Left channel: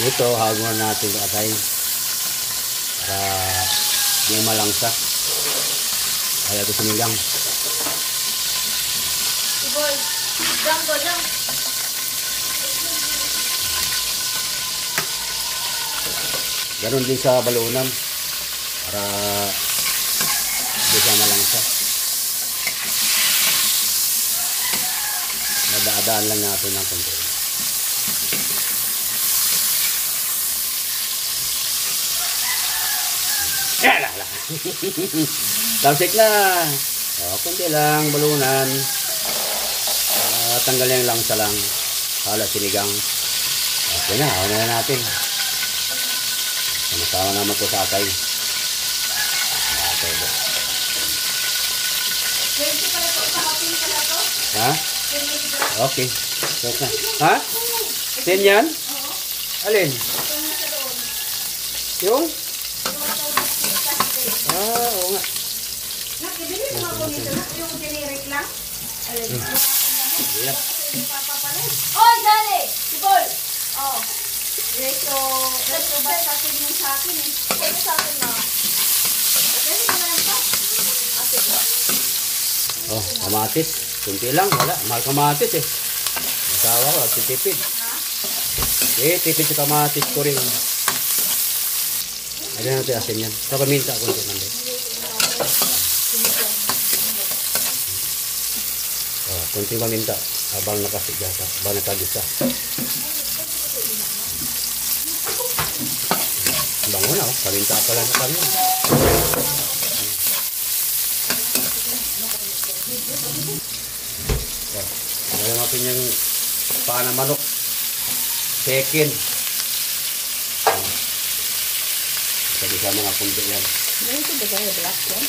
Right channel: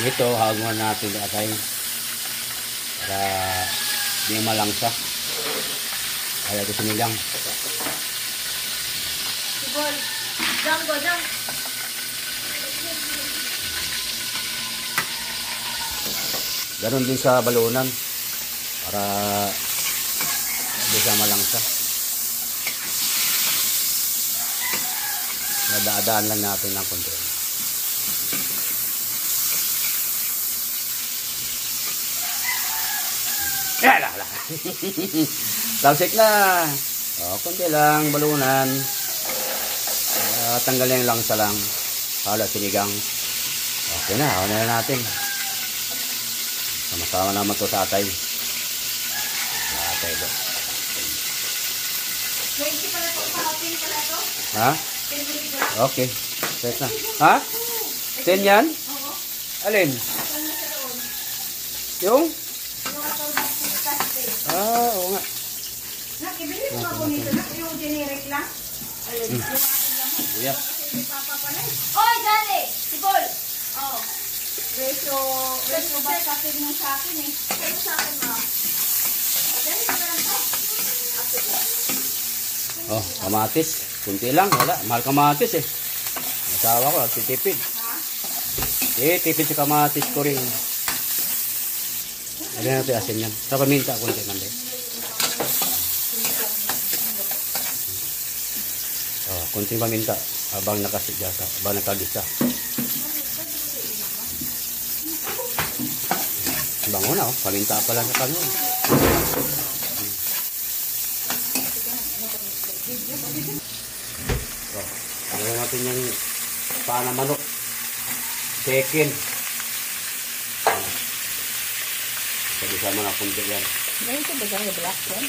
Dito, hawag natin ito atay. Para di malangsa. Kaya ito sinigang. Sigol. Jam go, jam. Ganon din sa balunan. Para di siya malangsa. Nadadaan lang natin ng konti. Yala! Talsik na! O, konti lang, balunan. Tanggalin lang sa lang. Hala, sinigang. Okay na, ako na natin. Sama-sama naman ito sa atay. Okay ba? 20 pala ito, kahapin pala ito. Ha? Okay. Set na. Ha? 10 yan? Oo. Alin? Yung? Oo nga. Nak, ibili mo ako nito, nak. Yung generic lang. Alin. Yeah. Oy, dali! Sigol! Oo. Reso ba kasi mo sa akin eh. Kaya sa akin na. Dali mo lang ito. Oh, kamatis. Kunti lang, wala. Mahal kamatis eh. Masawa ko, titipid. Eh, tipid sa kamatis ko rin. Ano natin asin yan? Sa paminta, kunti lang din. Oh, kunti paminta. Habang nakasigasa, habang nakagisa. Bango na, oh. Paminta pa lang sa kanya. Gawin natin yung paa na manok. Second. Sabi sa mga punti yan. Ngayon ito ba yung black yan?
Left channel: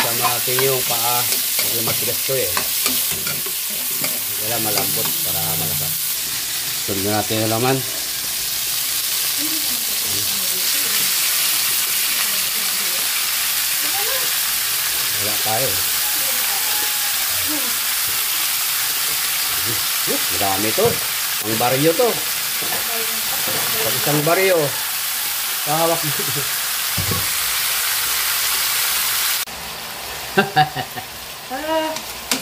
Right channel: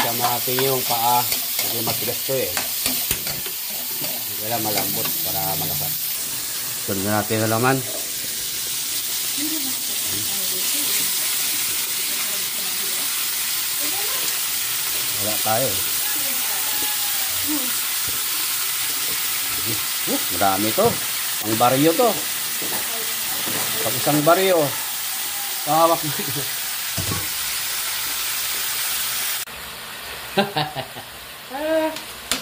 Sabi natin yung paa. Hindi matigas to eh. Kaya malambot para malakas. Sunod natin na laman. Wala tayo. Marami to. Ang baryo to. Pag isang baryo. Pahawak mo.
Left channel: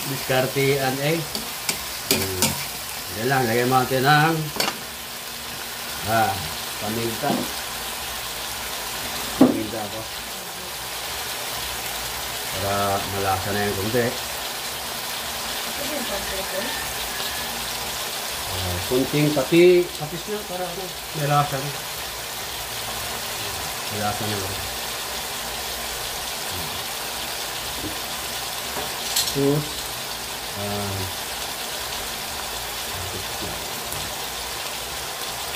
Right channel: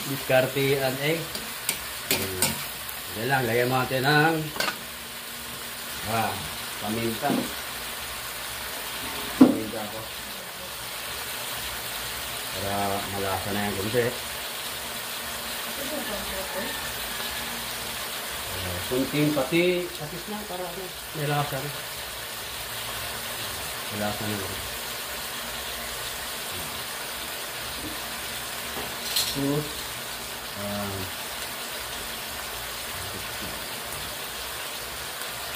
Diskartian eh. Yan lang, lagyan mo natin ng paminta. Paminta ako. Para malasa na yung kunti. Kunting patis na para may lasa na. May lasa na lang. Tapos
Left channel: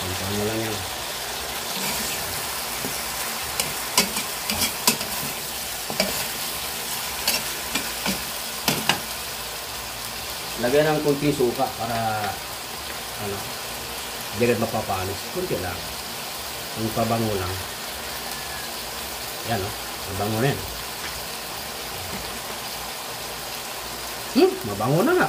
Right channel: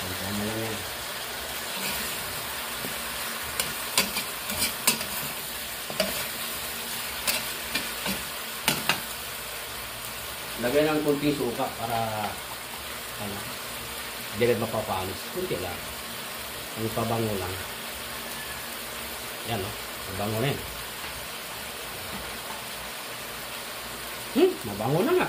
pantahan mo lang yan. Lagyan ng kunting suka para hindi rin mapapanis. Kunti lang. Ang pabango lang. Yan o. Mabango na yan. Mabango na nga.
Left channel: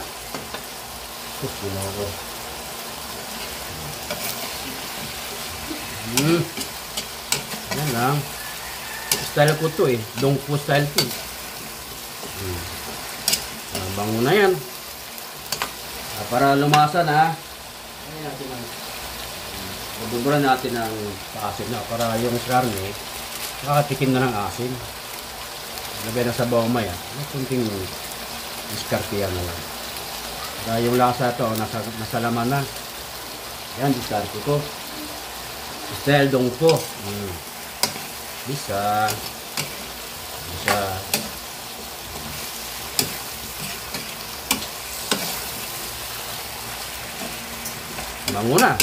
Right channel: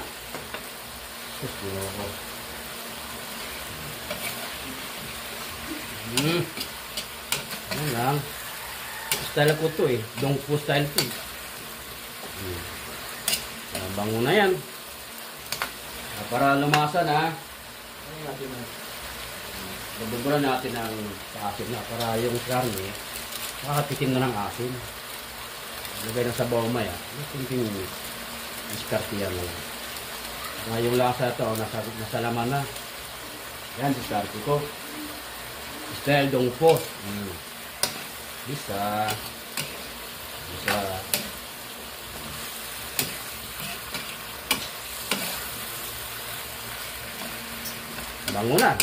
Yan lang. Style ko to eh. Dongpo style to. Mabango na yan. Para lumasan ha. Babuburan natin ang paasin na para yung karne makatikim na ng asin. Lagay na sa bawang maya. Kunting diskartiyan na lang. Para yung lasa ito nasa laman na. Yan, diskarte ko. Style dongpo. Bisa. Bango na.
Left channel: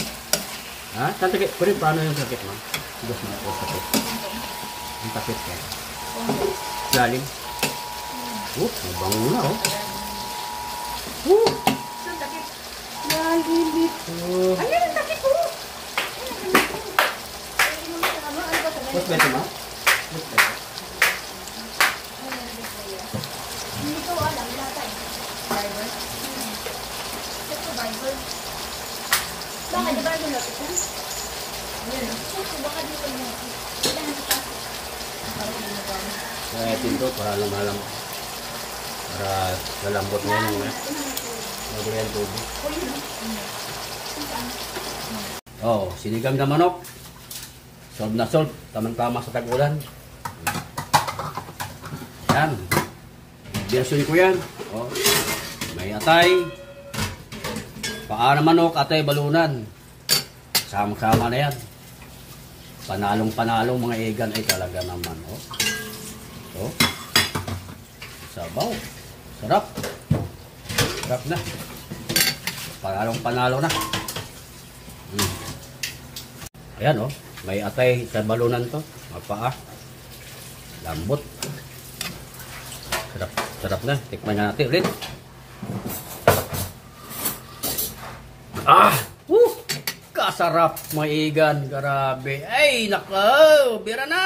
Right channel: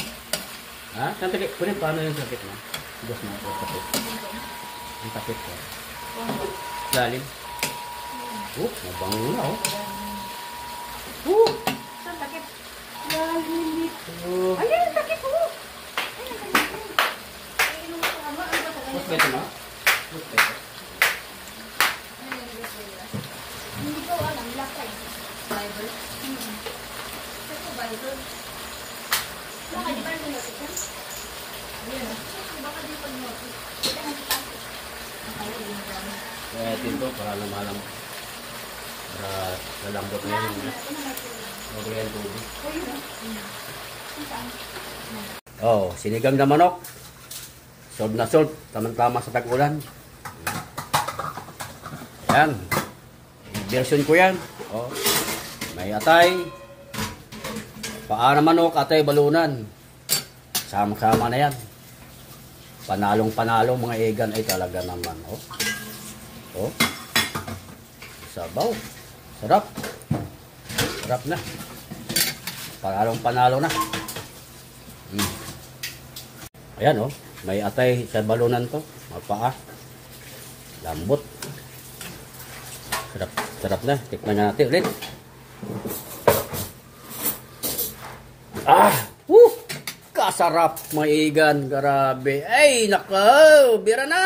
Ha? Tantakit. Pwede paano yung takit mo? Tigas mo ako takit. Yung takit ka. Lalim. Mabango na oh. Saan takit? Lalim ito. Ayan, takit oh. ba ito na? Hindi ko ano, wala pa eh. Bible? Ito Bible. Bakit di ba rin lapit ko? Ayun. Baka di ko lapit. Ito na napasok. Kaya ito para lumalam. Para lalambot ngayon yung lagay ang tubig. Oh, sinigang na manok. Solve na solve. Tamang-tama sa tag-ulan. Yan. Version ko yan. Oh. May atay. Paa na manok, atay balunan. Sama-sama na yan. Panalong-panalong mga egan ay talaga naman. Oh. Oh. Sabaw. Sarap. Sarap na. Panalong-panalo na. Ayan oh. May atay sa balunan to. Magpaa. Lambot. Sarap. Sarap na. Tikman na natin ulit. Ah! Kasarap mga igan. Grabe. Ay, nako. Bira na.